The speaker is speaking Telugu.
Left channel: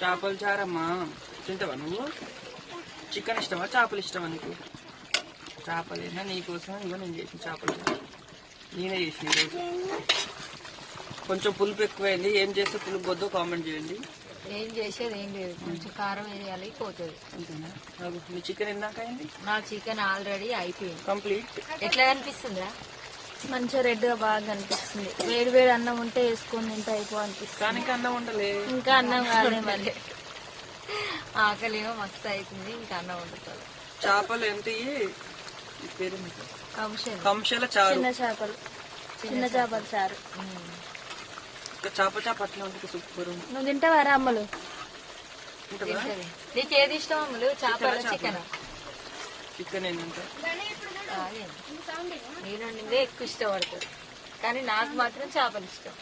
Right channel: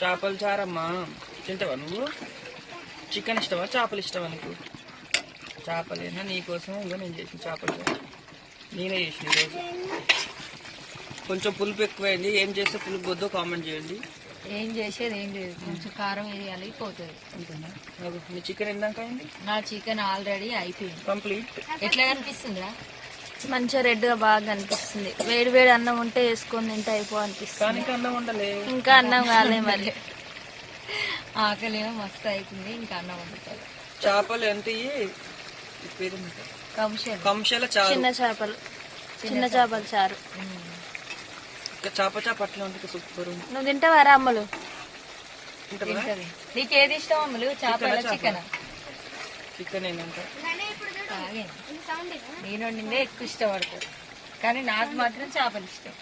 చేపల చారమ్మా తింటావా నువ్వు? చికెన్ ఇష్టమా చేపలు ఇష్టమా నీకు? చేపలేనా నీకోసం ఇక నేను చేసిన చేపల చారు నేనే చేసిన ఈరోజు. కొంచెం పులుపు ఎక్కువైంది, ఏం చేస్తే పులుపు వద్దో కామెంట్ చేయండి. ఏం చేసేది ఏం లేదు, కొంచెం కారం వేయాలి పోతుంది అంతేనా? మీ చికెన్ ఎందాక అయింది? నా చికెన్ ఆల్రెడీ అయిపోయింది కంప్లీట్. ఎట్లా కనిపిస్తుందా? మంచిగా రెడ్గా బాగా కనిపిస్తుంది. వేడి వేడి అన్నం ఉంటే వేసుకొని తింటే అనిపిస్తుంది. కానీ ఇంకా అన్నం ఉండలే, ఇంకా అన్నం కాలే మరి. ఆకలి ఏమో మస్తు అవుతుంది, ఇంకా అన్నం వండుతుంది. చేపలు ఎంత పేరు? కంశల చారు. చిన్న చేపలు, చిన్న చేపల చారు. ఇంకా చేప అట్లా ఉంటుంది, సూపర్. నువ్వు తింటావారా అమ్మలు? తింటది. నీకేది ఇష్టం అమ్మలు, చేపల చికెన్? చికెన్ ఏంటంటే నేను వండిందే ఎక్కువ ఇష్టపడతారు, కానీ నాకు మాత్రం చేపలు ఇష్టం.